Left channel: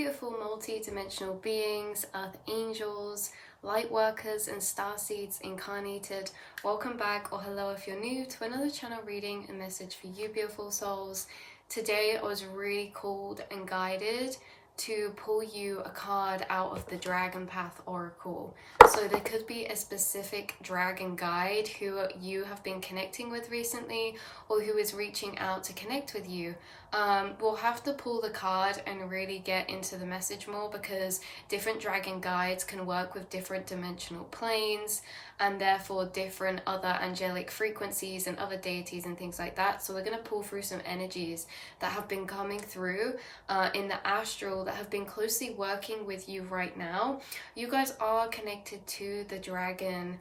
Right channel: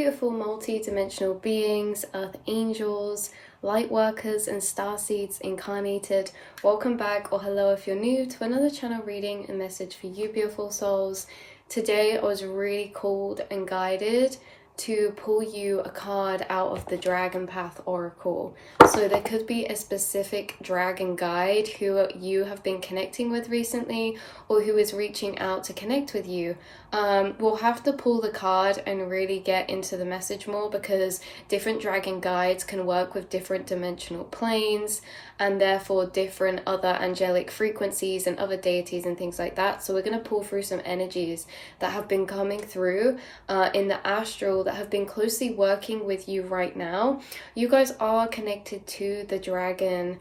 beautiful multi-dimensional beings, earth angels, light workers and star seeds incarnated. Welcome back, or hello if you're new, to another channel reading and message for you beautiful souls. Today I was really called and guided to pull you a card out of the Dragon Path Oracle. So there could be a specific dragon guide who you have been connecting with recently, or who is reaching out to connect with you. We'll have to pull the card and really get into the message more, because different dragon guides can work with different dimensional planes and therefore different other angelic frequencies and other deities and things like that. So we're going to pull through some energies that have been coming through in the astral, that have been closely working with you right now. You guys are connected to the dragon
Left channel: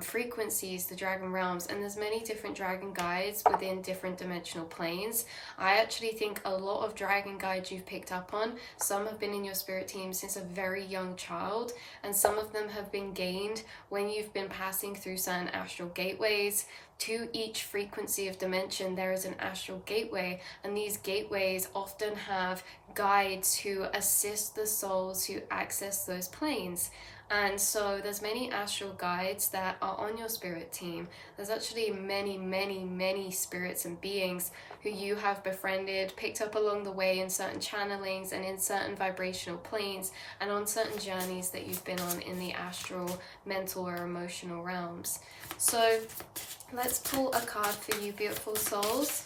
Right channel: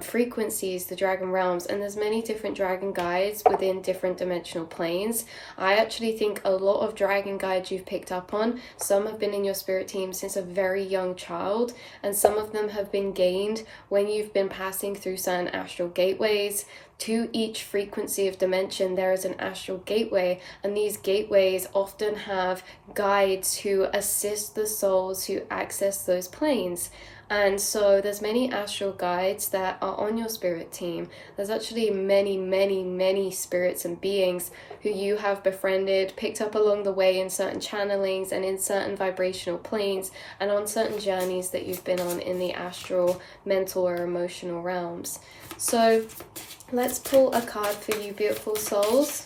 frequencies, the dragon realms, and there's many different dragon guides within different dimensional planes. I actually think a lot of dragon guides you've picked up on, some have been in your spirit team since a very young child, and some of them have been gained when you've been passing through certain astral gateways. To each frequency of dimension there is an astral gateway, and these gateways often have guides who assist the souls who access those planes. And so there's many astral guides that are on your spirit team. There's actually many spirits and beings who you have befriended, picked up along the way in certain channelings and in certain vibrational planes and on certain journeys that you've been on in the astral, mental or emotional realms. So let's pull a card for you beautiful souls.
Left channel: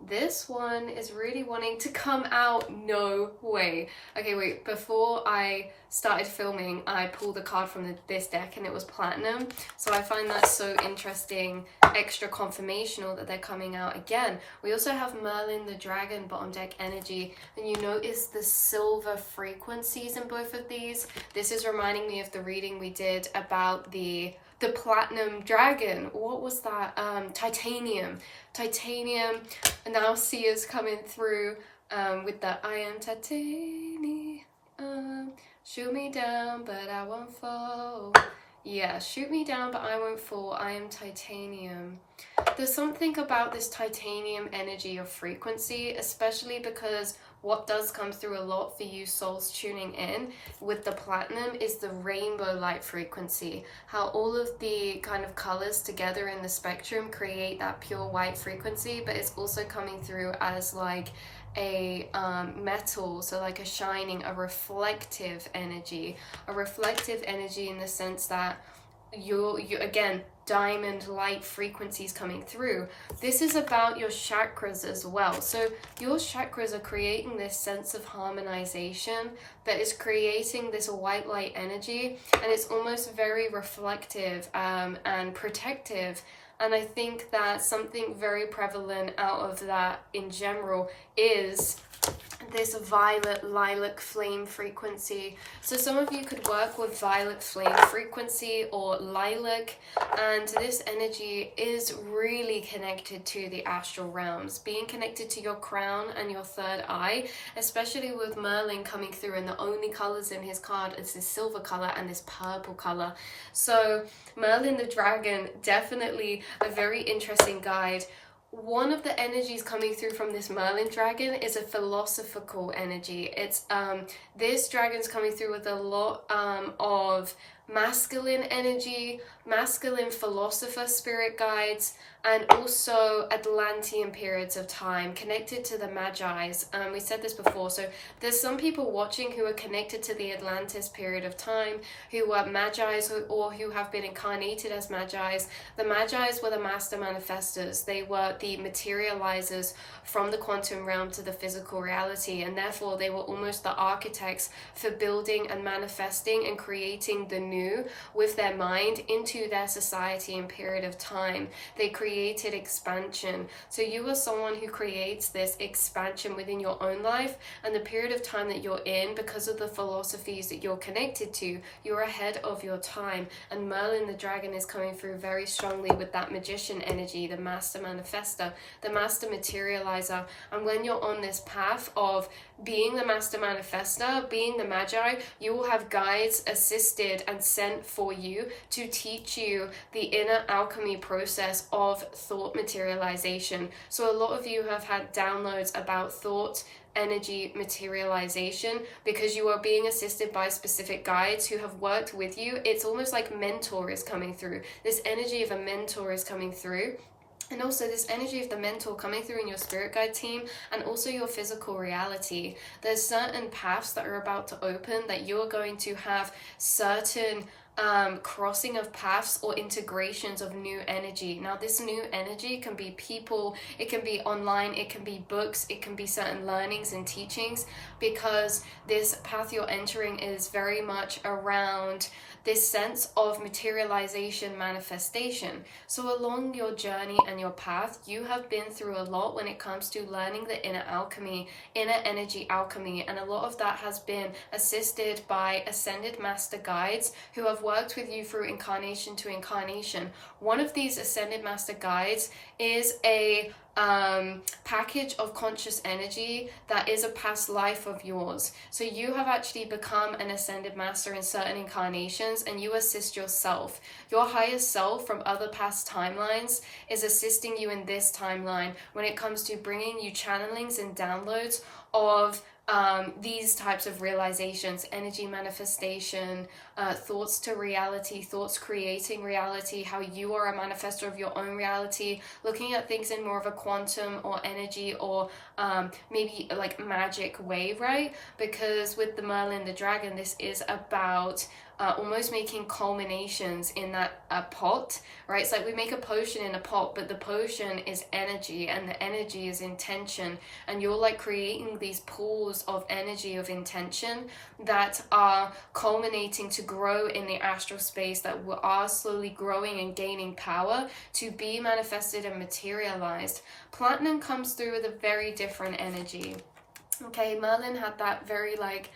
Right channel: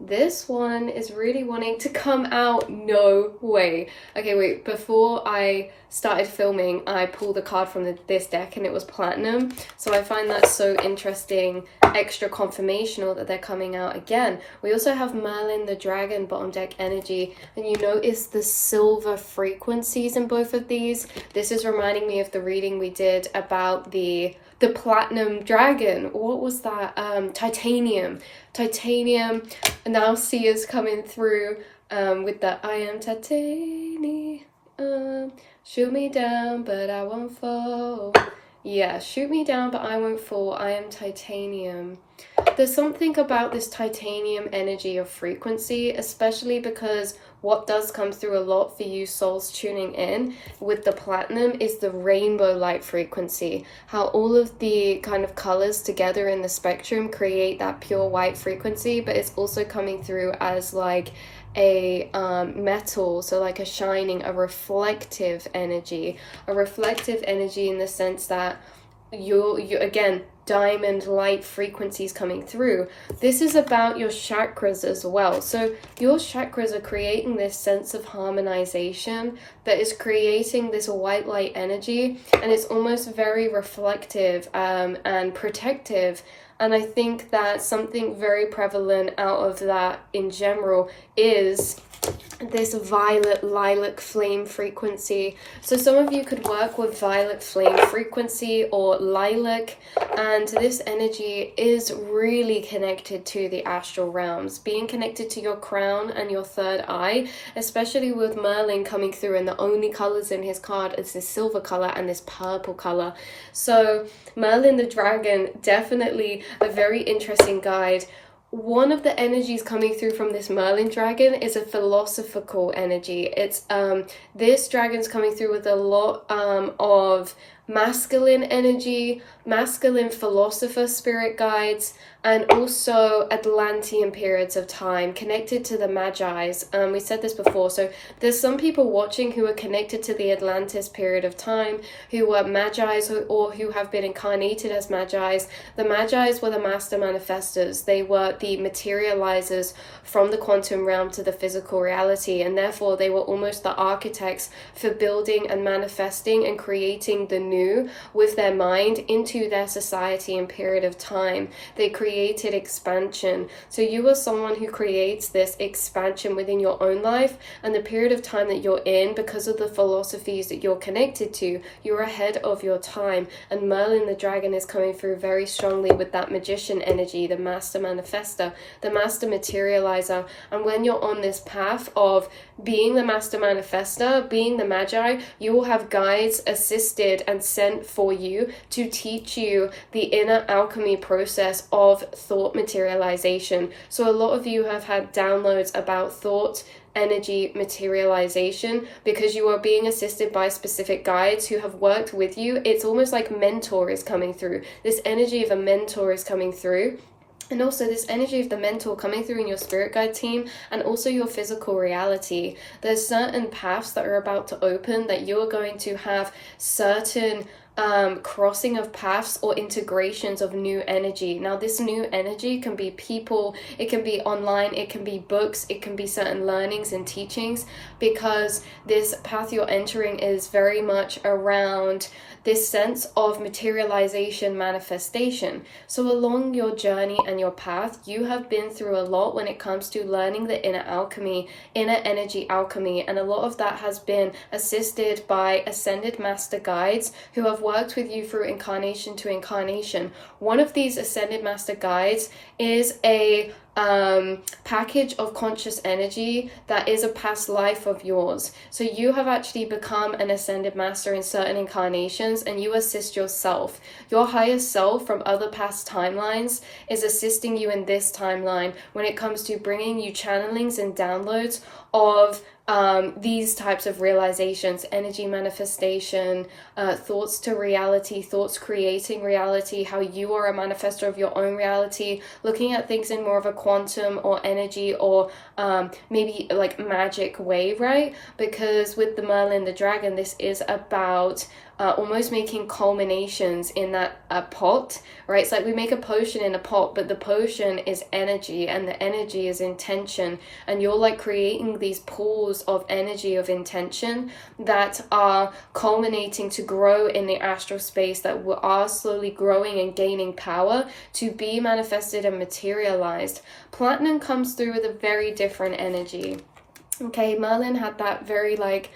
This one is really wanting to come out. No way. Okay, wait, before I started filming, I pulled a card from this deck and it was platinum. So I find that so interesting, extra confirmational that they're coming out again. We also have Merlin the Dragon bottom deck energy, and you notice the silver frequencies in both of these. This is reminding me of the reading we did about the platinum dragon. What was that? Titanium, and now Sia's coming through with the I am titanium, shoot me down but I won't fall. Yeah, shoot me down but I won't fall, I am titanium. There's something about this titanium energy of frequency, especially because what does come through a lot for you souls tuning in with the platinum is the rainbow light frequency. How all of the kind of colors together in the spectrum create that pure white frequency, but it's also coming through as like a metal, so like a shining, a reflective energy in the sense that you again, diamond light frequencies coming through. This is about your chakras as well. So your chakras are creating this sense of harmonization that is creating this white light energy, and it's almost very reflective and protective. And I think that something very prevalent out of that in general is this violet lilac flame frequency. So some of you could work with violet flame frequency or lilac, and this energy is really connected to the astral realms, being connected to your crown and your third eye, especially with Merlin coming through, and the only colors in his card is this silver color and this purple color. So Merlin the Dragon, definitely a very interesting guide. One of the energies coming through from this Merlin dragon is a philosophical energy. It's this dragon's coming through with a lot of masculine energy, masculine philosopher spirit guides, and also Atlantean periods of time connected to the Magi's. We said this before, so there's some people watching who are connected to the Atlantis period of time, who were Magi's or who have been incarnated as Magi's. The Magi's were the master manifestors. They were the materializers from the quantum realm to the physical reality, and therefore they were almost the architects for building and manifesting and creating the new with their mind into their society and period of time. They created expansion. So you are someone who creates this expansion within your own life and the period of time that you're in. Because of the philosophies that you're connected to, you're ahead of your time. And Merlin the Dragon is coming through very strongly with that magician energy, the master manifester, the master materializer. And when you're on this path of being the master manifester, being the magi, you will have guides assisted and sent for you to teach you the inner alchemy process of thought materialization. So a lot of you have had downloads about thought energy materialization, because you are being assisted by specific guides who have worked with you. It's almost like mentor is coming through. This energy of a mentor is coming through. And also this energy of the mentor coming through in your spirit guide team, and also your physical reality. There's certain paths that are about to open, that you're going to have certain crossing of paths or integrations of new energy. Now this new energy can be people, it can be online, it can be books, it can be certain learnings and teachings, because this path you're entering is very much around this sense of materialization, manifestation. So along your journey and your path, you have been through a lot when it comes to learning the inner alchemy, inner energy alchemy, and a lot of that has been assisted by ascended master guides who have worked with you through incarnation to incarnation. One of these ascended master guides is a package of conscious energy that is a past life of yours. So you have actually become an ascended master in certain incarnations, and you assist yourself. Your higher self from other past timelines is assisting you in this timeline when it comes to bringing you channelings and downloads of these types of realizations, energy manifestation, thoughts to reality, thoughts creating reality, how you are a manifestor of your own reality, looking at things in more of a quantum or energy or maybe like magic way, right? Because with the Merlin the dragon, this is about almost making culminations in that pot, right? It's like we make a potion in a pot, but the potion is energy and the energy is intention, and you're like creating these pools of energy of intention that are culminating to grow in the astral space, that are slowly growing and gaining power to be manifested and materialized. Platinum comes through with a very different energy. Okay, Merlin had that very like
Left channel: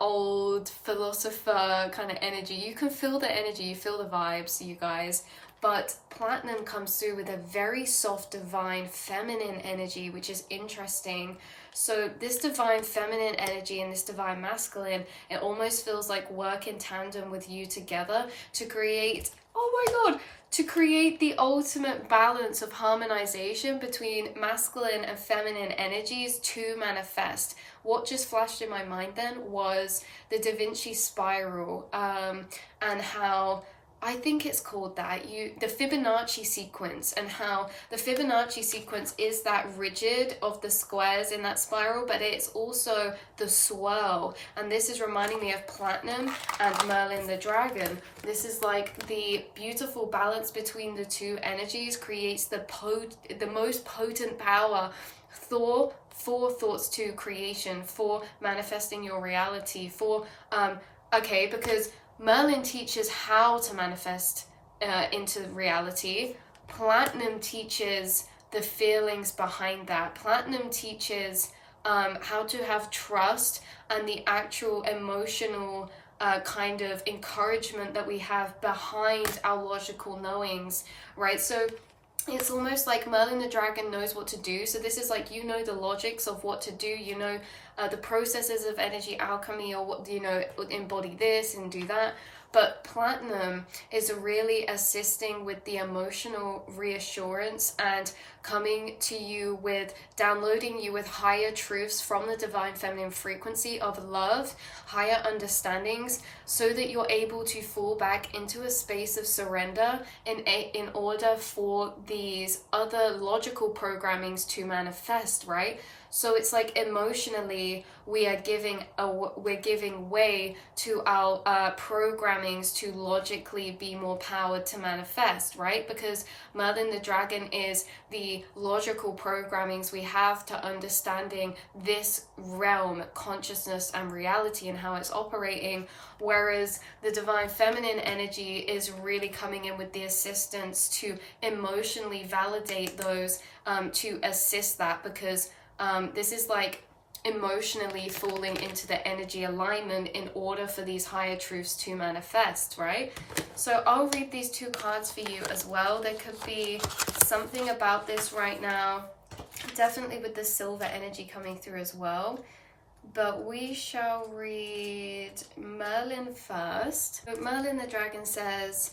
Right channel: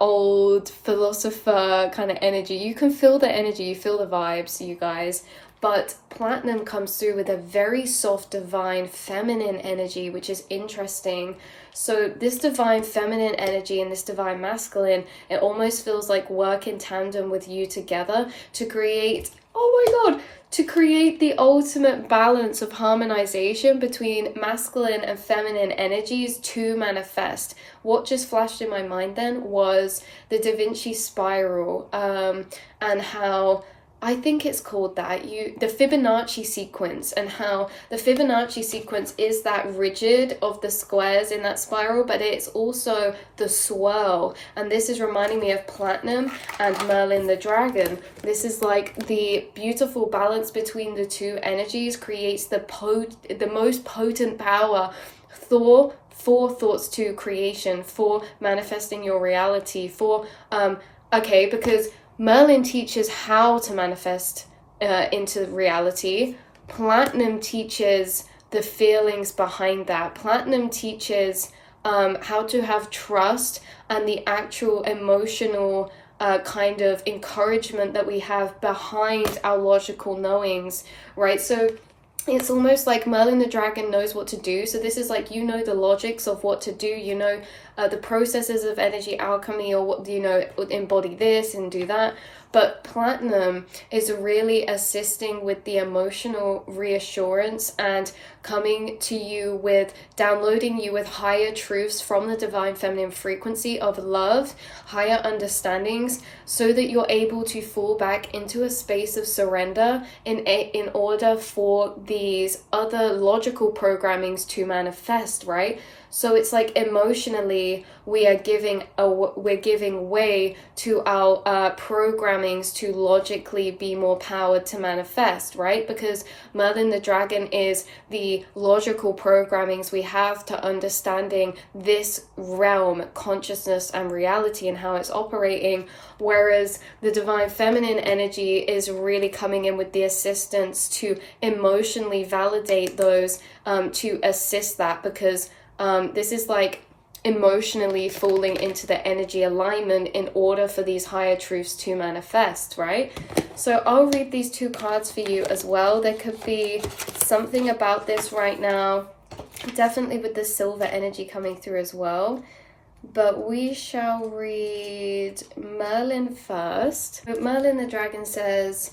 old philosopher kind of energy. You can feel the energy, you feel the vibes, you guys. But Platinum comes through with a very soft, divine, feminine energy, which is interesting. So this divine feminine energy and this divine masculine, it almost feels like work in tandem with you together to create, oh my god, to create the ultimate balance of harmonization between masculine and feminine energies to manifest. What just flashed in my mind then was the Da Vinci spiral, and how, I think it's called that, the Fibonacci sequence, and how the Fibonacci sequence is that rigid of the squares in that spiral, but it's also the swirl. And this is reminding me of Platinum and Merlin the dragon. This is like the beautiful balance between the two energies creates the most potent power for thoughts to creation, for manifesting your reality, for because Merlin teaches how to manifest into reality. Platinum teaches the feelings behind that. Platinum teaches how to have trust and the actual emotional kind of encouragement that we have behind our logical knowings, right? So it's almost like Merlin the dragon knows what to do. So this is like, you know, the logics of what to do, you know, the processes of energy alchemy, or what, you know, embody this and do that. But Platinum is really assisting with the emotional reassurance and coming to you with, downloading you with higher truths from the divine feminine frequency of love, higher understandings, so that you're able to fall back into a space of surrender in order for these other logical programmings to manifest, right? So it's like emotionally we are giving way to our programmings to logically be more powered to manifest, right? Because Merlin the dragon is the logical programmings we have to understanding this realm, consciousness and reality and how it's operating, whereas the divine feminine energy is really coming in with the assistance to emotionally validate those, to assist that, because this is like emotionally falling into the energy alignment in order for these higher truths to manifest, right? So I'll read these two cards for you as well. There could be something about this right now, definitely with the silver energy coming through as well. But we shall read Merlin first. Merlin the dragon says,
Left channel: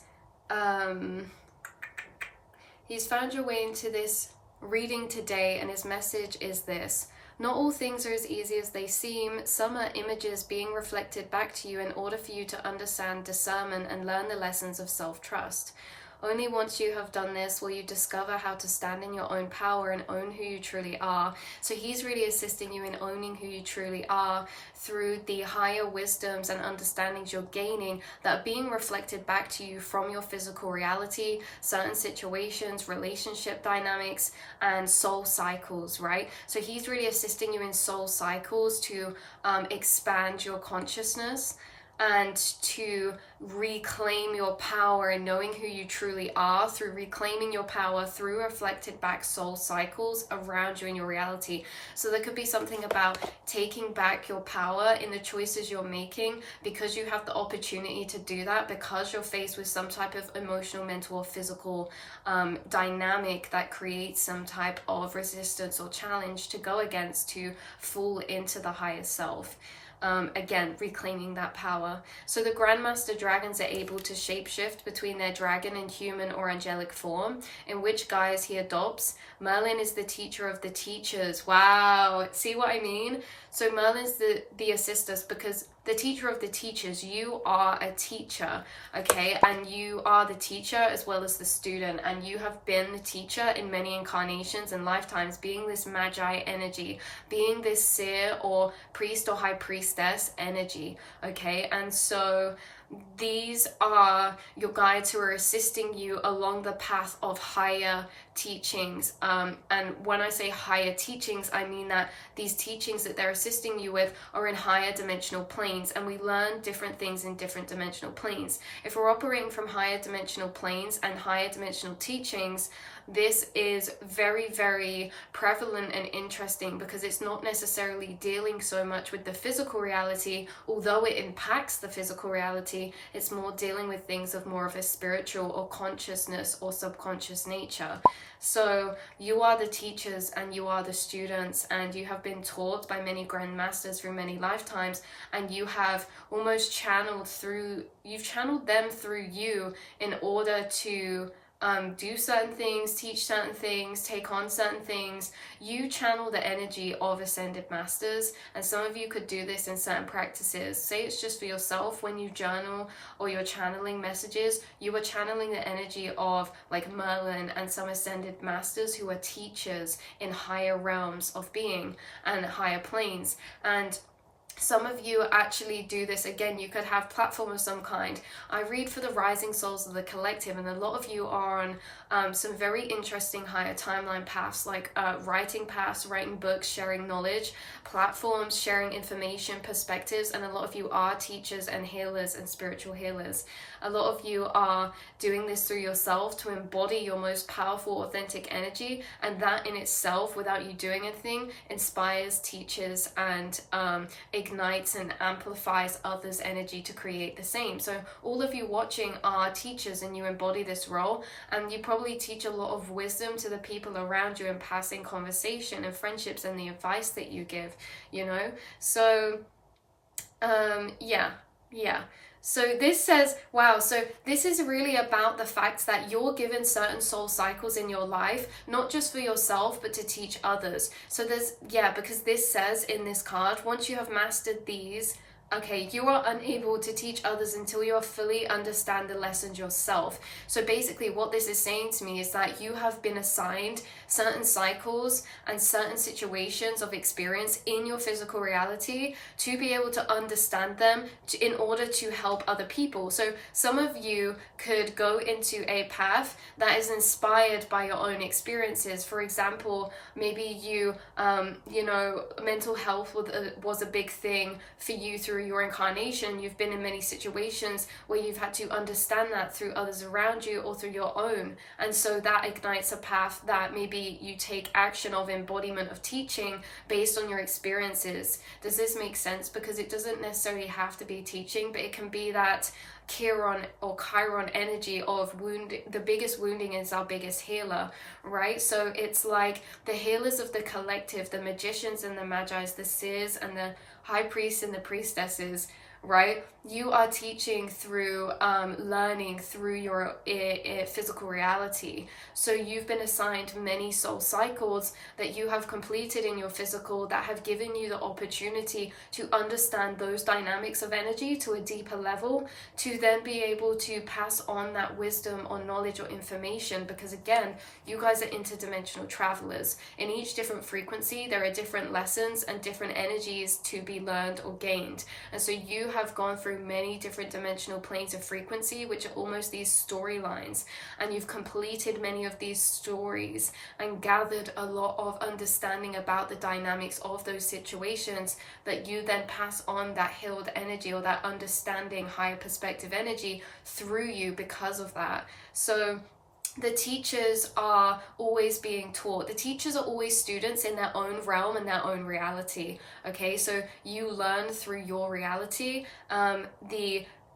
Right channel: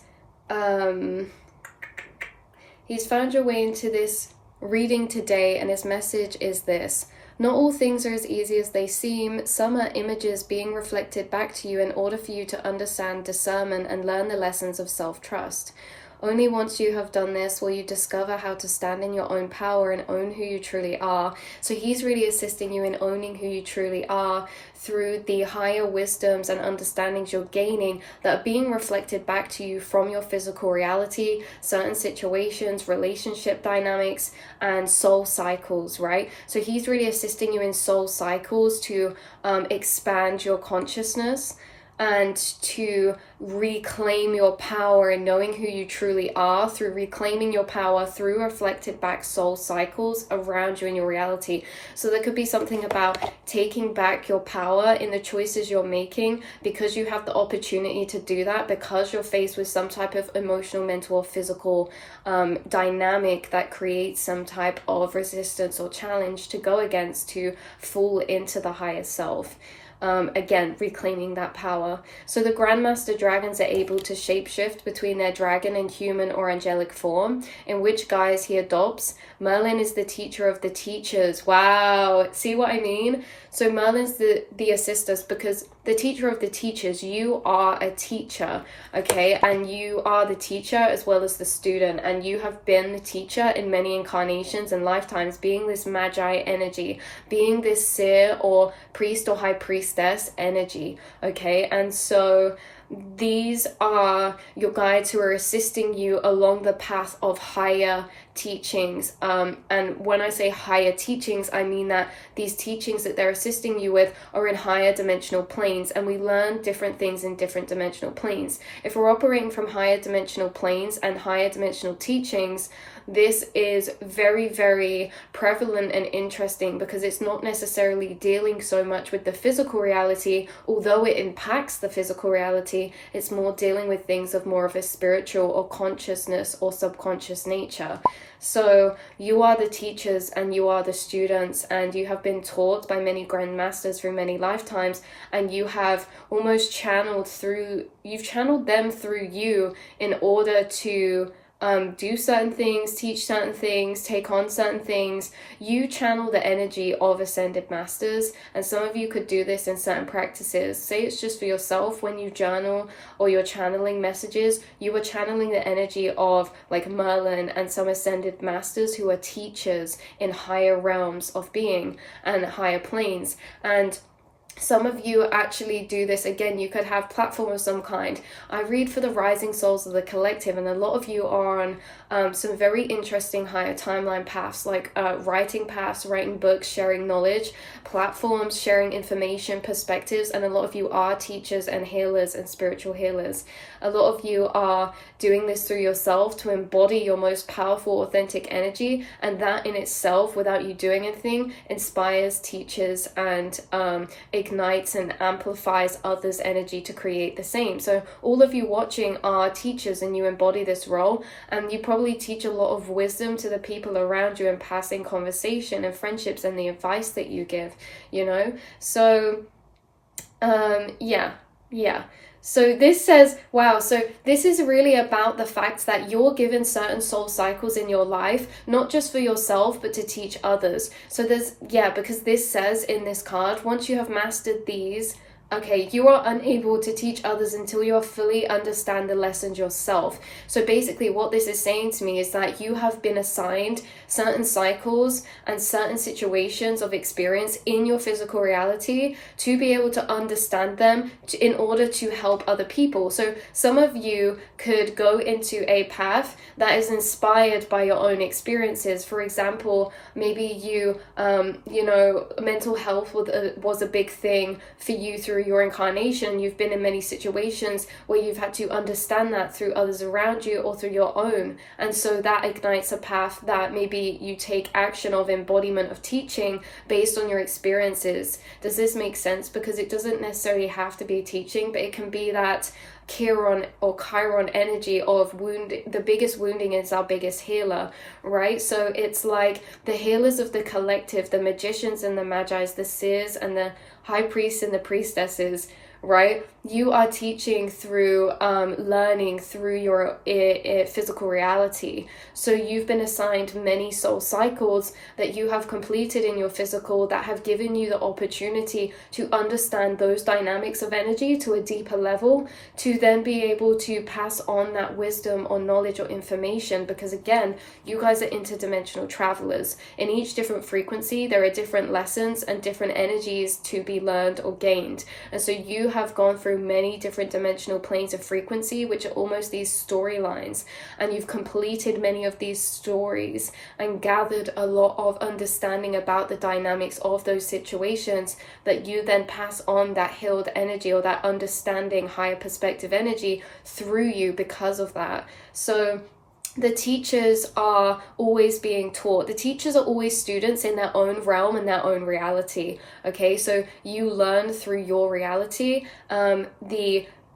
he's found your way into this reading today, and his message is this: Not all things are as easy as they seem. Some are images being reflected back to you in order for you to understand discernment and learn the lessons of self-trust. Only once you have done this will you discover how to stand in your own power and own who you truly are. So he's really assisting you in owning who you truly are through the higher wisdoms and understandings you're gaining that are being reflected back to you from your physical reality, certain situations, relationship dynamics, and soul cycles, right? So he's really assisting you in soul cycles to expand your consciousness and to reclaim your power in knowing who you truly are through reclaiming your power through reflected back soul cycles around you in your reality. So there could be something about taking back your power in the choices you're making because you have the opportunity to do that, because you're faced with some type of emotional, mental, or physical dynamic that creates some type of resistance or challenge to go against, to fall into the higher self. Again, reclaiming that power. So the Grandmaster Dragons are able to shapeshift between their dragon and human or angelic form, in which guise he adopts. Merlin is the teacher of the teachers. Wow, see what I mean? So Merlin's the assistants, because the teacher of the teachers, you are a teacher, okay? And you are the teacher as well as the student, and you have been the teacher in many incarnations and lifetimes, being this magi energy, being this seer or priest or high priestess energy, okay? And so these are your guides who are assisting you along the path of higher teachings. And when I say higher teachings, I mean that these teachings that they're assisting you with are in higher dimensional planes, and we learn different things in different dimensional planes. If we're operating from higher dimensional planes and higher dimensional teachings, this is very, very prevalent and interesting, because it's not necessarily dealing so much with the physical reality, although it impacts the physical reality. It's more dealing with things of more of a spiritual or consciousness or subconscious nature. So you are the teachers and you are the students, and you have been taught by many grandmasters through many lifetimes, and you have almost channeled them through you in order to do certain things, teach certain things, take on certain things. You channel the energy of ascended masters, and some of you could do this in certain practices. Say it's just for yourself. When you journal or you're channeling messages, you are channeling the energy of like Merlin and some ascended masters who are teachers in higher realms of being and higher planes. And some of you actually do this. Again, you could have platform of some kind. I read for the rising souls of the collective, and a lot of you are on some very interesting higher timeline paths, like writing paths, writing books, sharing knowledge, platforms, sharing information, perspectives, and a lot of you are teachers and healers and spiritual healers. A lot of you are doing this through yourself to embody your most powerful, authentic energy, and that in itself, without you doing anything, inspires, teaches, and ignites and amplifies others' energy to create the same. So all of you watching are teachers, and you embody this role, and you probably teach a lot of wisdom to the people around you in passing conversation and friendships and the advice that you give, you know? So yeah. So this says, wow, so this is really about the fact that you're given certain soul cycles in your life, not just for yourself, but to teach others. So because this says in this card, once you have mastered these, okay, you are unable to teach others until you fully understand the lessons yourself. So basically what this is saying to me is that you have been assigned certain cycles and certain situations of experience in your physical reality to be able to understand them in order to help other people. So some of you could go into a path that is inspired by your own experiences. For example, maybe you mental health was a big thing for you through your incarnation. You've been in many situations where you've had to understand that through others around you or through your own, and so that ignites a path that maybe you take action of embodiment of teaching based on your experiences. Does this make sense? Because it doesn't necessarily have to be teaching, but it can be that Chiron or Chiron energy of the biggest wounding is our biggest healer, right? So it's like the healers of the collective, the magicians and the magi, the seers and the high priests and the priestesses, right? You are teaching through learning through your physical reality. So you've been assigned many soul cycles that you have completed in your physical that have given you the opportunity to understand those dynamics of energy to a deeper level, to then be able to pass on that wisdom or knowledge or information. Because again, you guys are interdimensional travelers. In each different frequency, there are different lessons and different energies to be learned or gained. And so you have gone through many different dimensional planes of frequency, which are almost these storylines, and you've completed many of these stories and gathered a lot of understanding about the dynamics of those situations, that you then pass on that healed energy or that understanding higher perspective energy through you because of that. So the teachers are always being taught. The teachers are always students in their own realm and their own reality. Okay, so you learn through your reality. And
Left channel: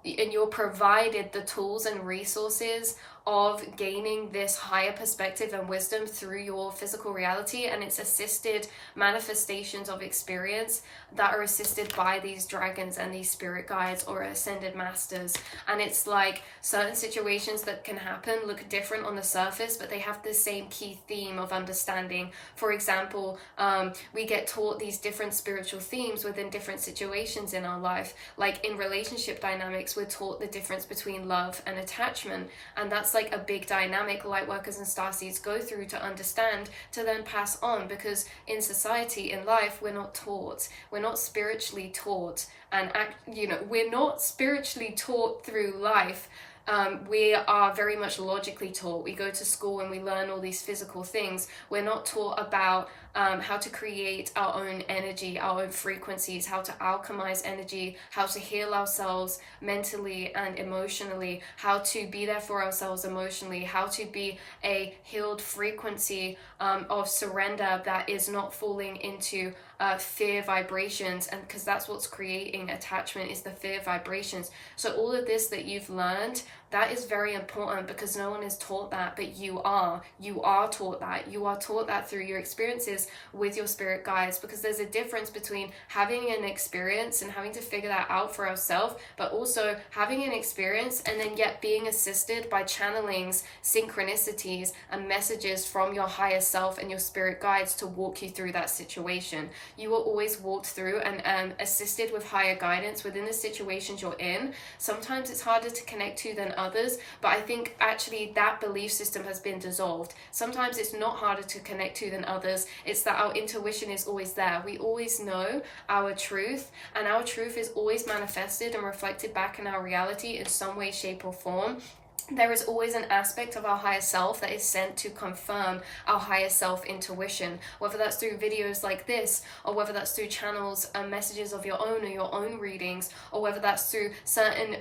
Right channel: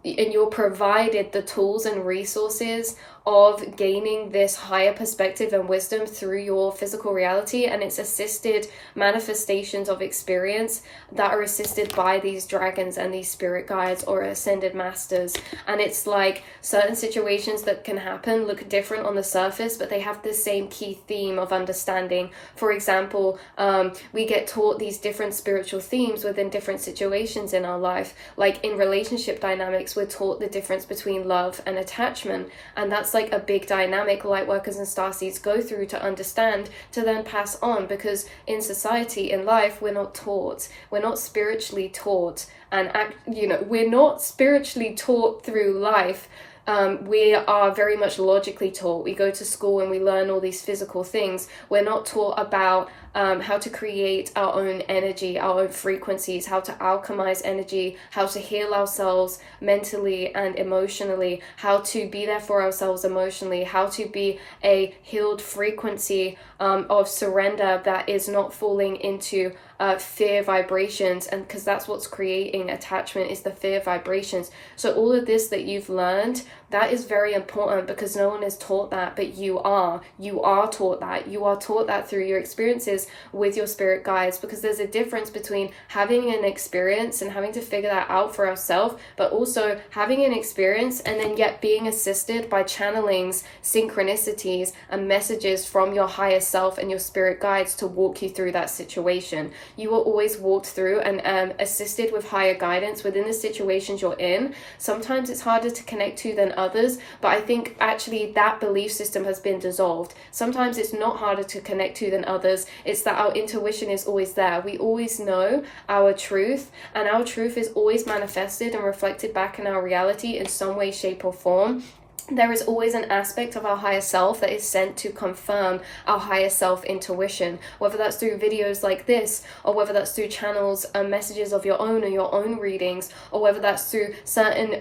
you're provided the tools and resources of gaining this higher perspective and wisdom through your physical reality, and it's assisted manifestations of experience that are assisted by these dragons and these spirit guides or ascended masters. And it's like certain situations that can happen look different on the surface, but they have the same key theme of understanding. For example, we get taught these different spiritual themes within different situations in our life. Like in relationship dynamics, we're taught the difference between love and attachment, and that's like a big dynamic light workers and starseeds go through to understand, to then pass on, because in society, in life, we're not taught, we're not spiritually taught, and we're not spiritually taught through life. We are very much logically taught. We go to school and we learn all these physical things. We're not taught about how to create our own energy, our own frequencies, how to alchemize energy, how to heal ourselves mentally and emotionally, how to be there for ourselves emotionally, how to be a healed frequency of surrender that is not falling into fear vibrations. And because that's what's creating attachment, is the fear vibrations. So all of this that you've learned, that is very important, because no one is taught that, but you are taught that. You are taught that through your experiences with your spirit guides, because there's a difference between having an experience and having to figure that out for ourselves, but also having an experience and then yet being assisted by channelings, synchronicities, and messages from your higher self and your spirit guides to walk you through that situation. You are always walked through and assisted with higher guidance within the situations you're in. Sometimes it's harder to connect to than others, but I think actually that belief system has been dissolved. Sometimes it's not harder to connect to than others. It's that our intuition is always there. We always know our truth, and our truth is always manifested and reflected back in our reality in some way, shape, or form. There is always an aspect of our higher self that is sent to confirm our higher self intuition, whether that's through videos like this, or whether that's through channels and messages of your own or your own readings, or whether that's through certain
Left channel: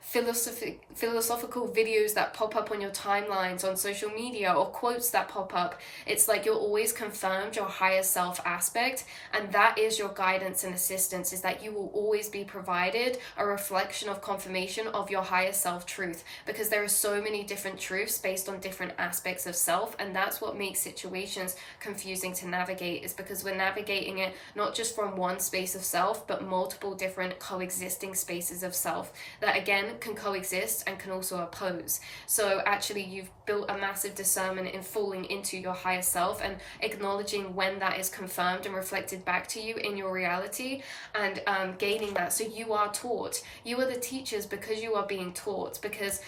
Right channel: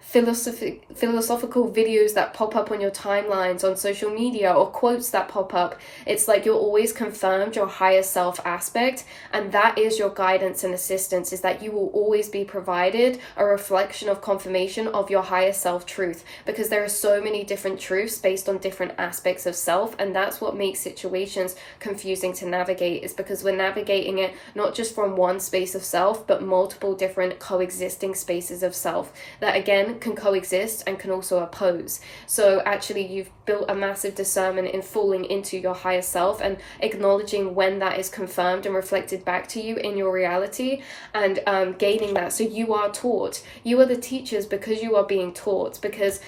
philosophical videos that pop up on your timelines on social media, or quotes that pop up. It's like you're always confirmed your higher self aspect, and that is your guidance and assistance, is that you will always be provided a reflection of confirmation of your higher self truth, because there are so many different truths based on different aspects of self, and that's what makes situations confusing to navigate, is because we're navigating it not just from one space of self, but multiple different coexisting spaces of self that again can coexist and can also oppose. So actually you've built a massive discernment in falling into your higher self and acknowledging when that is confirmed and reflected back to you in your reality, and gaining that. So you are taught, you are the teachers because you are being taught, because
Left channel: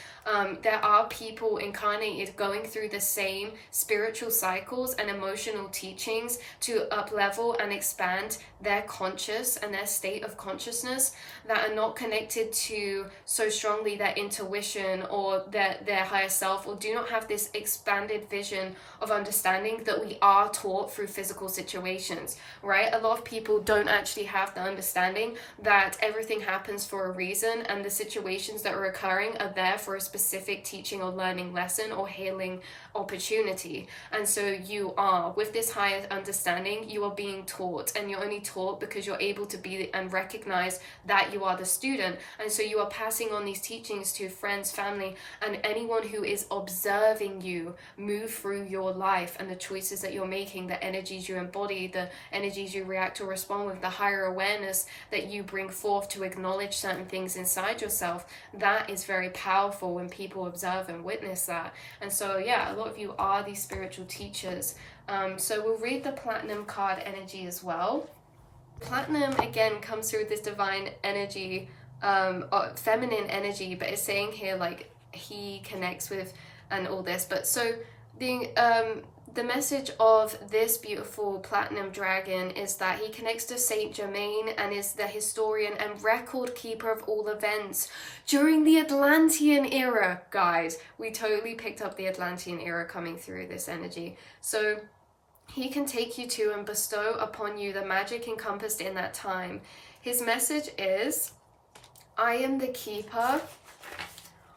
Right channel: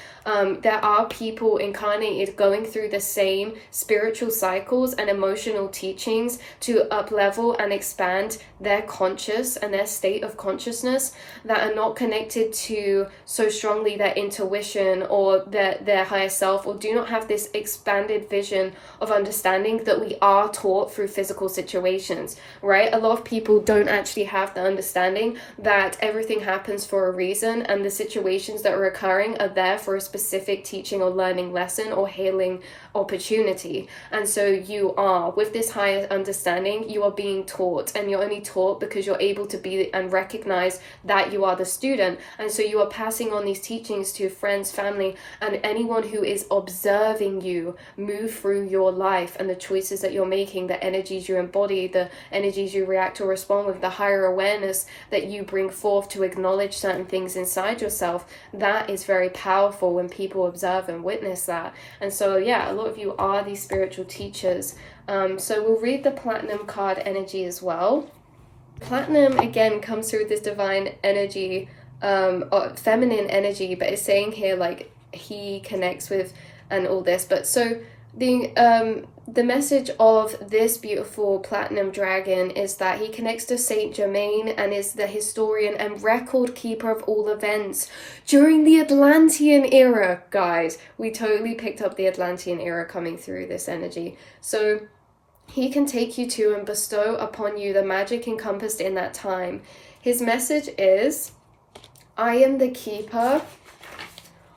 there are people incarnated going through the same spiritual cycles and emotional teachings to up level and expand their conscious and their state of consciousness, that are not connected to so strongly their intuition or their higher self, or do not have this expanded vision of understanding that we are taught through physical situations, right? A lot of people don't actually have the understanding that everything happens for a reason, and the situations that are occurring are there for a specific specific teaching or learning lesson or healing opportunity. And so you are, with this higher understanding, you are being taught, and you're only taught because you're able to be and recognize that you are the student. And so you are passing on these teachings to friends, family, and anyone who is observing you move through your life and the choices that you're making, the energies you embody, the energies you react or respond with, the higher awareness that you bring forth to acknowledge certain things inside yourself. That is very powerful when people observe and witness that. And so yeah, a lot of you are these spiritual teachers. So we'll read the platinum card energy as well. Platinum again comes through this divine energy, feminine energy, but it's saying here like he connects with and all this. But so the message of this beautiful platinum dragon is that he connects to Saint Germain and is the historian and record keeper of all events during the Atlantean era. Guys, we totally picked up the Atlantean era coming through this energy. So he can take you to and bestow upon you the magic encompassed in that time. His message is, I am the keeper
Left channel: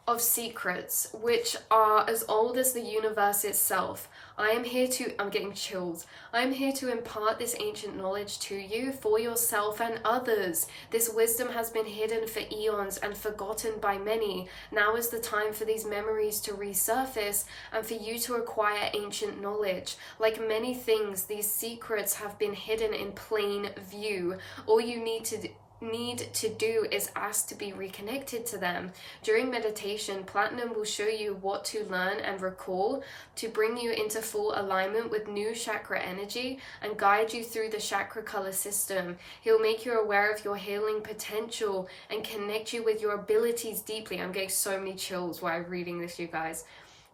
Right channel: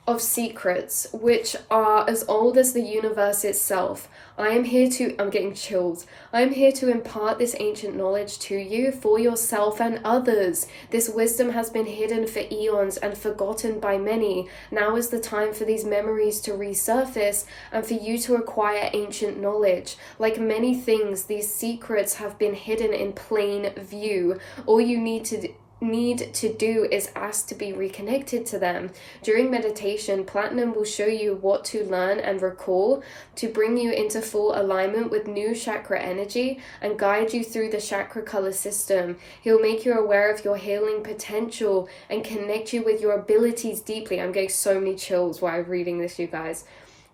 of secrets which are as old as the universe itself. I am here to, I'm getting chills. I am here to impart this ancient knowledge to you for yourself and others. This wisdom has been hidden for eons and forgotten by many. Now is the time for these memories to resurface and for you to acquire ancient knowledge. Like many things, these secrets have been hidden in plain view. All you need to do is ask to be reconnected to them. During meditation, platinum will show you what to learn and recall to bring you into full alignment with new chakra energy and guide you through the chakra color system. He'll make you aware of your healing potential and connect you with your abilities deeply. I'm getting so many chills while I'm reading this, you guys.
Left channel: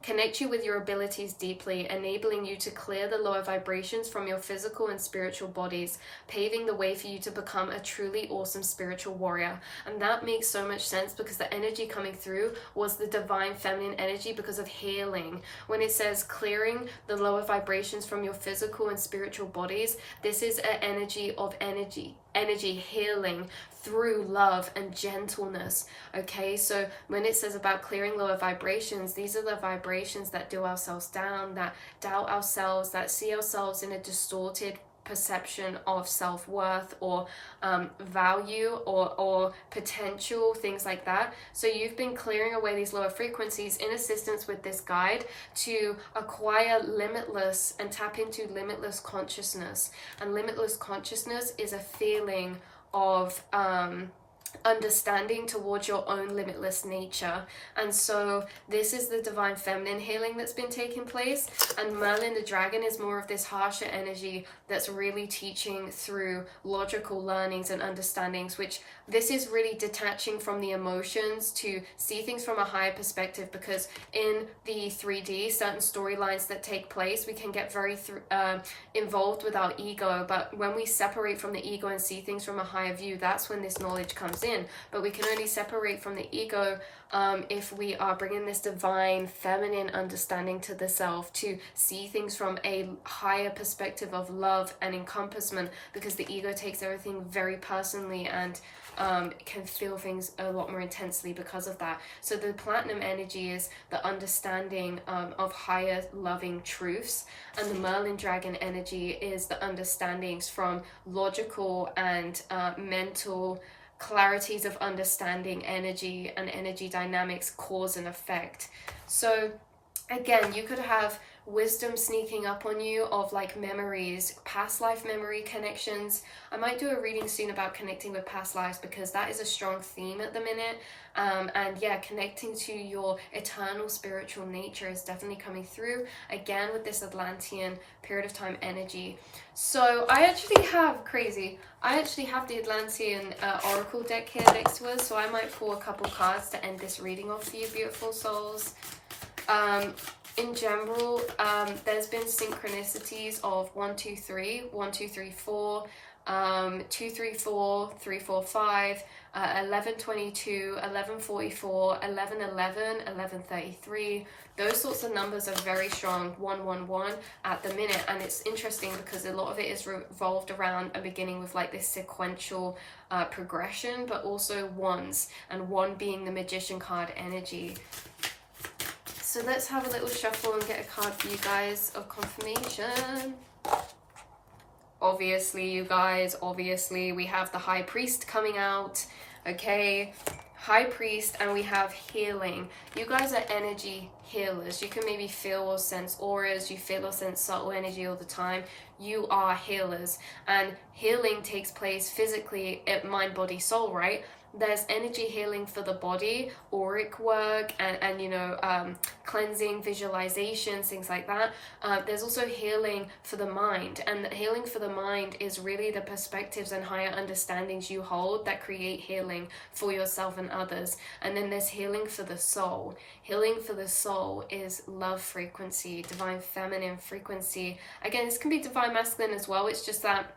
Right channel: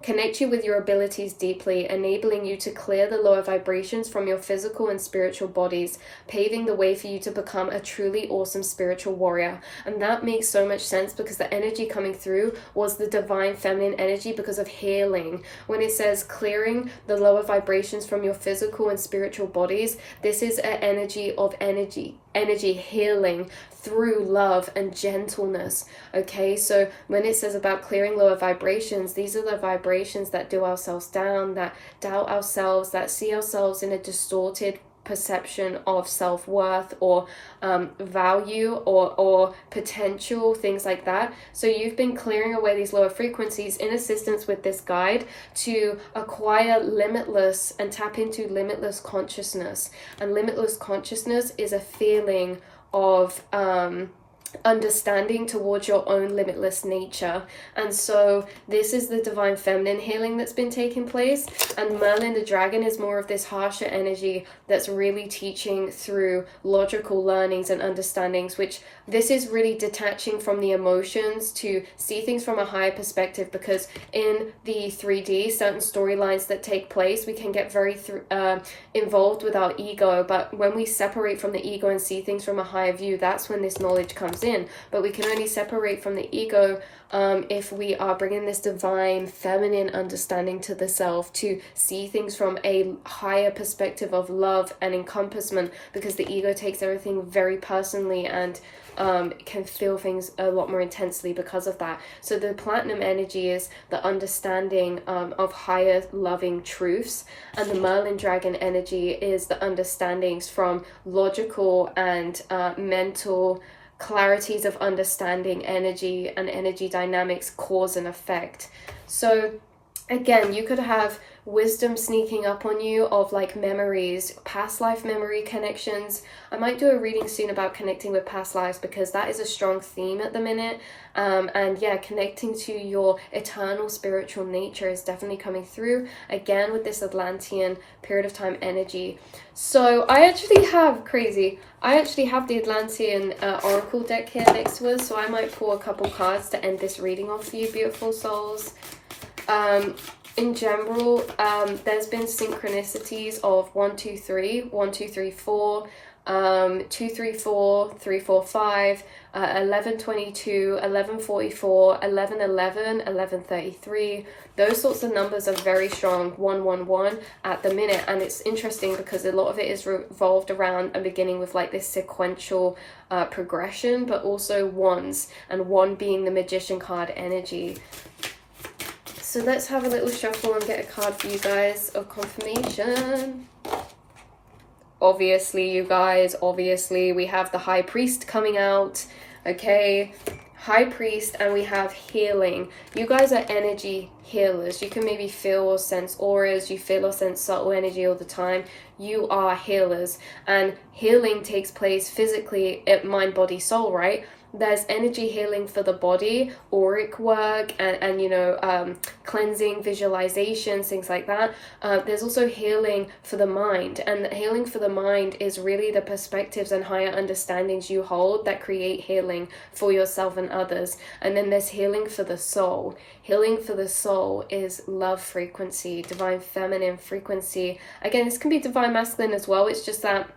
Connect you with your abilities deeply, enabling you to clear the lower vibrations from your physical and spiritual bodies, paving the way for you to become a truly awesome spiritual warrior. And that makes so much sense because the energy coming through was the divine feminine energy because of healing. When it says clearing the lower vibrations from your physical and spiritual bodies, this is an energy of energy healing through love and gentleness. Okay, so when it says about clearing lower vibrations, these are the vibrations that do ourselves down, that doubt ourselves, that see ourselves in a distorted perception of self-worth or value or potential, things like that. So you've been clearing away these lower frequencies in assistance with this guide to acquire limitless and tap into limitless consciousness. And limitless consciousness is a feeling of understanding towards your own limitless nature. And so this is the divine feminine healing that's been taking place, and Merlin the dragon is more of this harsher energy that's really teaching through logical learnings and understandings, which this is really detaching from the emotions to see things from a higher perspective, because in the 3D, certain storylines that take place, we can get very involved with our ego, but when we separate from the ego and see things from a higher view, that's when this knowledge comes in. But we can only separate from the ego if we are bringing this divine feminine understanding to the self, to see things from a higher perspective of love and encompassment, because the ego takes everything very personally and can feel things a lot more intensely because of that. So the platinum energy is the understanding of higher loving truths, and the Merlin dragon energy is the understandings from logical and mental clarities of understanding energy and energy dynamics, cause and effect. So again, you could have wisdom sneaking up on you of like memories, past life memory connections. I might do a reading soon about connecting with past lives, because that is a strong theme at the minute. And yeah, connecting to your eternal spiritual nature is definitely coming through again with this Atlantean period of time energy. So I actually have the Atlantean oracle deck here next to us, so I might pull a couple cards to end this reading off for you beautiful souls. In general, there's been synchronicities of 1 2 3, 1 2 3 4, 2 3 4, 3 4 5, 11 22, 11 44, 11 11, 11 33. Those sorts of numbers are very strong, 1 1 1 at the minute. And it's interesting because a lot of it is revolved around a beginning with like this sequential progression, but also ones, and one being the magician card energy. So let's have a little shuffle and get a card for you guys of confirmation. Obviously, you guys, obviously, we have the High Priest coming out, okay? High Priest, and we have healing. You guys are energy healers. You can maybe feel or sense auras. You feel or sense subtle energy all the time. You are healers. And healing takes place physically at mind, body, soul, right? There's energy healing for the body, auric work, and you know, cleansing, visualizations, things like that. There's also healing for the mind, and healing for the mind is really the perspectives and higher understandings you hold that create healing for yourself and others. And then there's healing for the soul. Healing for the soul is love frequency, divine feminine frequency. Again, this can be divine masculine as well. It's just that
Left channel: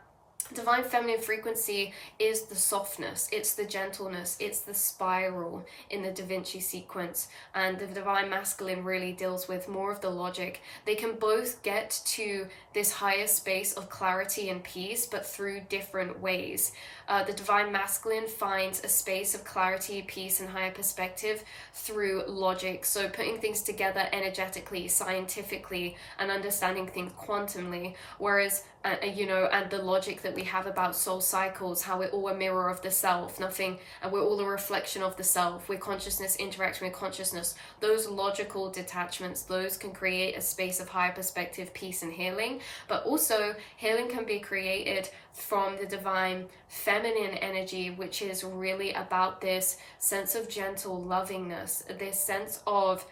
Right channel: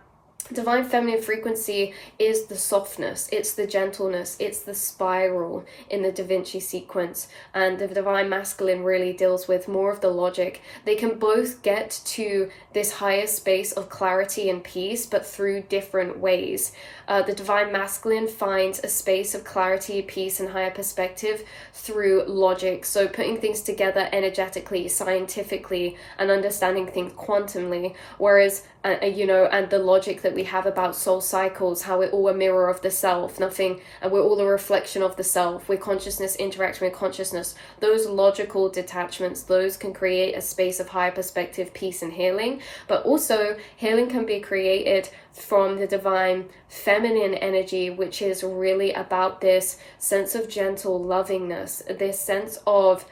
divine feminine frequency is the softness, it's the gentleness, it's the spiral in the Da Vinci sequence, and the divine masculine really deals with more of the logic. They can both get to this higher space of clarity and peace, but through different ways. The divine masculine finds a space of clarity, peace, and higher perspective through logic, so putting things together energetically, scientifically, and understanding things quantumly, whereas you know, and the logic that we have about soul cycles, how we're all a mirror of the self, nothing, and we're all a reflection of the self, where consciousness interacting with consciousness. Those logical detachments, those can create a space of higher perspective, peace, and healing. But also, healing can be created from the divine feminine energy, which is really about this sense of gentle lovingness, this sense of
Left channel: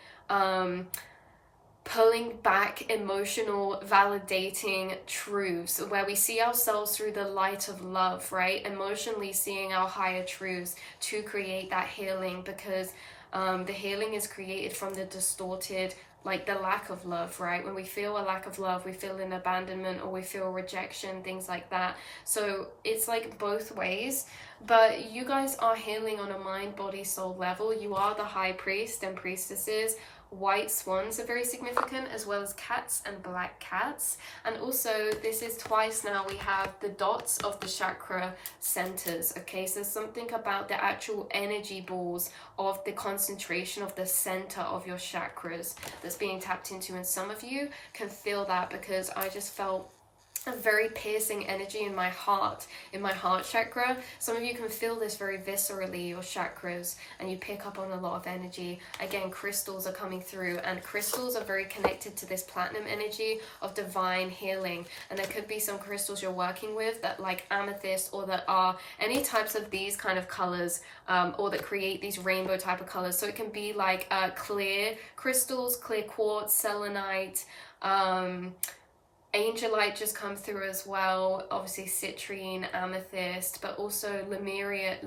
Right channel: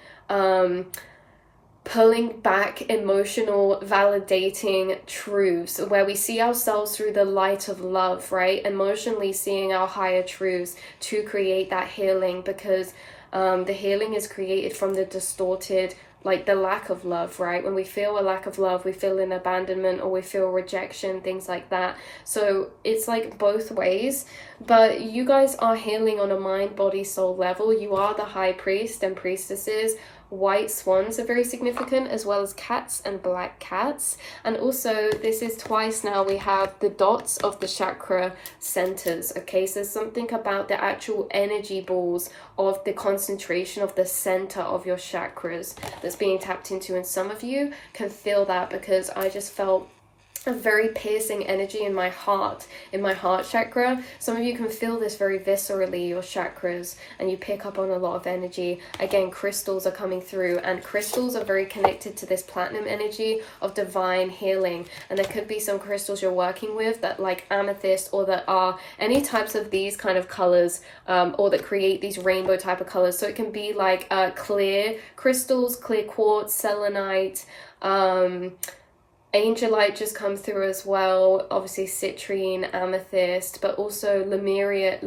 pulling back emotional validating truths, where we see ourselves through the light of love, right? Emotionally seeing our higher truths to create that healing, because the healing is created from the distorted, like the lack of love, right? When we feel a lack of love, we feel an abandonment, or we feel rejection, things like that. So it's like both ways. But you guys are healing on a mind, body, soul level. You are the high priest and priestesses. White swans are very significant, as well as cats and black cats. And also, this is twice now we have the dots of the chakra centers. Okay, so there's something about the actual energy balls of the concentration of the center of your chakras that's being tapped into. And some of you can feel that, because I just felt a very piercing energy in my heart chakra. Some of you can feel this very viscerally, your chakras, and you pick up on a lot of energy. Again, crystals are coming through, and crystals are very connected to this platinum energy of divine healing. And there could be some crystals you're working with that, like amethyst, or that are any types of these kind of colors, or that create these rainbow type of colors. So it can be like clear crystals, clear quartz, selenite, angelite just come through as well, obviously citrine, amethyst, but also Lemurian,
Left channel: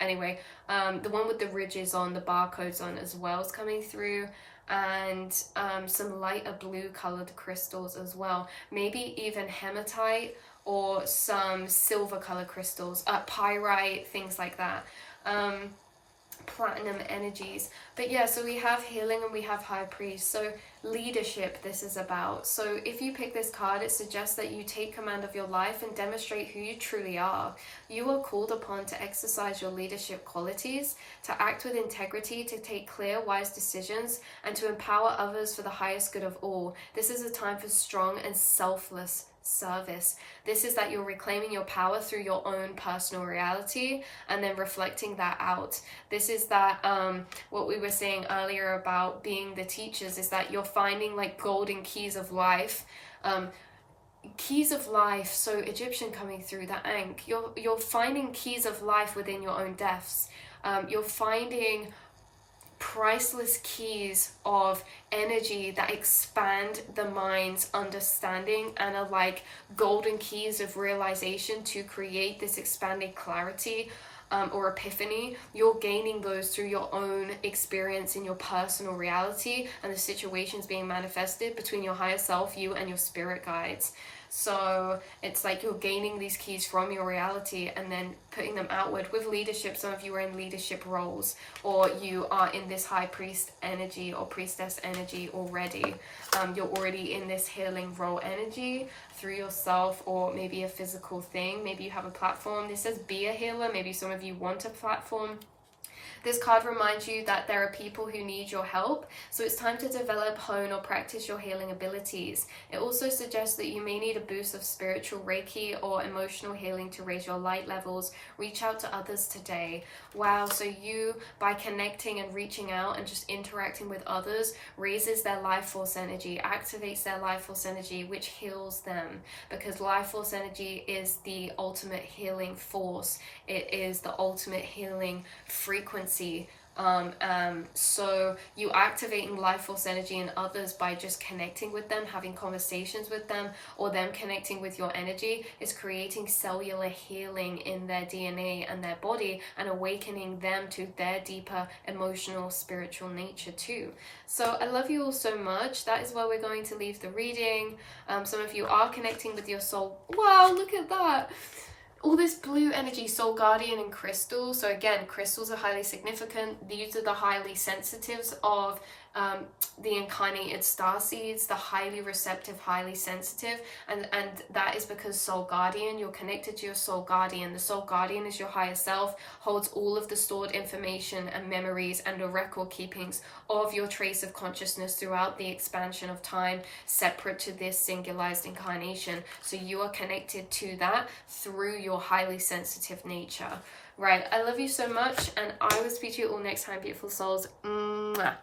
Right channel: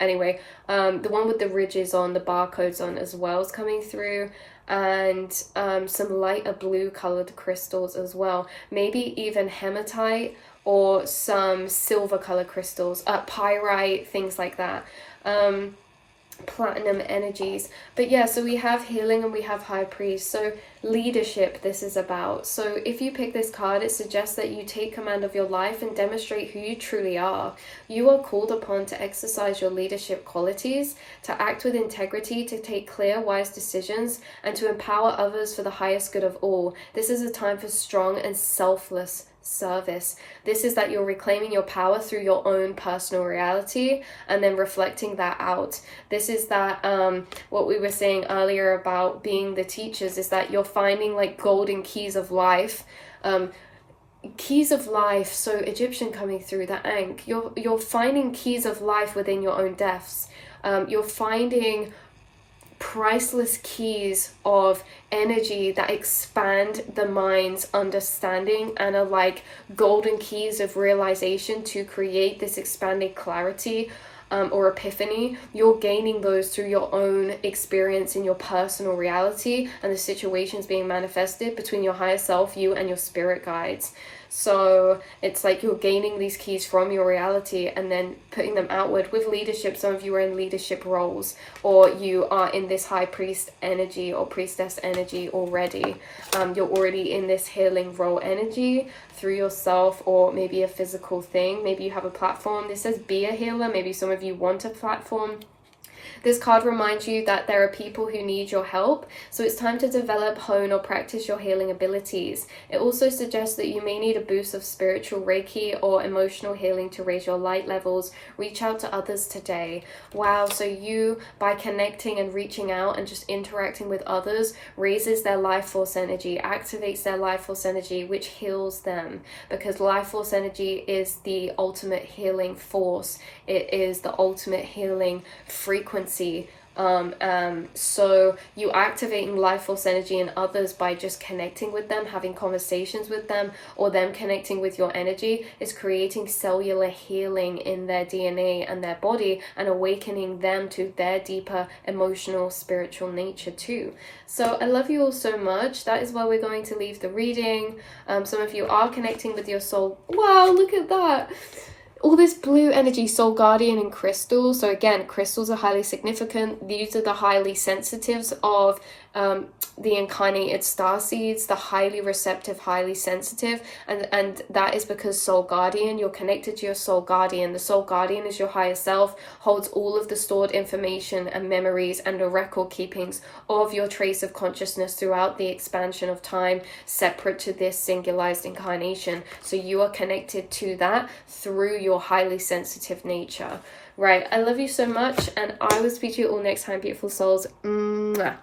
anyway, the one with the ridges on, the barcodes on as well is coming through, and some lighter blue colored crystals as well, maybe even hematite or some silver colored crystals, pyrite, things like that. Platinum energies. But yeah, so we have healing and we have high priest. So leadership, this is about. So if you pick this card, it suggests that you take command of your life and demonstrate who you truly are. You are called upon to exercise your leadership qualities, to act with integrity, to take clear, wise decisions, and to empower others for the highest good of all. This is a time for strong and selfless service. This is that you're reclaiming your power through your own personal reality and then reflecting that out. This is that what we were saying earlier about being the teachers, is that you're finding like golden keys of life. Keys of life, so Egyptian coming through, the Ankh. You're finding keys of life within your own depths. You're finding priceless keys of energy that expand the mind's understanding and are like golden keys of realization to create this expanded clarity or epiphany. You're gaining those through your own experience in your personal reality and the situations being manifested between your higher self, you, and your spirit guides. So it's like you're gaining these keys from your reality and then putting them outward with leadership. Some of you are in leadership roles, or you are in this high priest energy or priestess energy already. You're already in this healing role energy through yourself, or maybe a physical thing. Maybe you have a platform. This says be a healer. Maybe some of you want a platform. This card reminds you that there are people who need your help, so it's time to develop, hone, or practice your healing abilities. It also suggests that you may need a boost of spiritual Reiki or emotional healing to raise your light levels. Reach out to others today. Wow, so you, by connecting and reaching out and just interacting with others, raises their life force energy, activates their life force energy, which heals them, because life force energy is the ultimate healing force. It is the ultimate healing frequency. So you activating life force energy in others by just connecting with them, having conversations with them, or them connecting with your energy, is creating cellular healing in their DNA and their body, and awakening them to their deeper emotional, spiritual nature too. So I love you all so much. That is where we're going to leave the reading. Some of you are connecting with your soul. Wow, look at that. All this blue energy, soul guardian and crystals. So again, crystals are highly significant. These are the highly sensitives of the incarnated star seeds, the highly receptive, highly sensitive, and that is because soul guardian, you're connected to your soul guardian. The soul guardian is your higher self, holds all of the stored information and memories and the record keepings of your trace of consciousness throughout the expansion of time, separate to this singularized incarnation. So you are connected to that through your highly sensitive nature. Right, I love you so much, and I will speak to you all next time, beautiful souls. Mwah.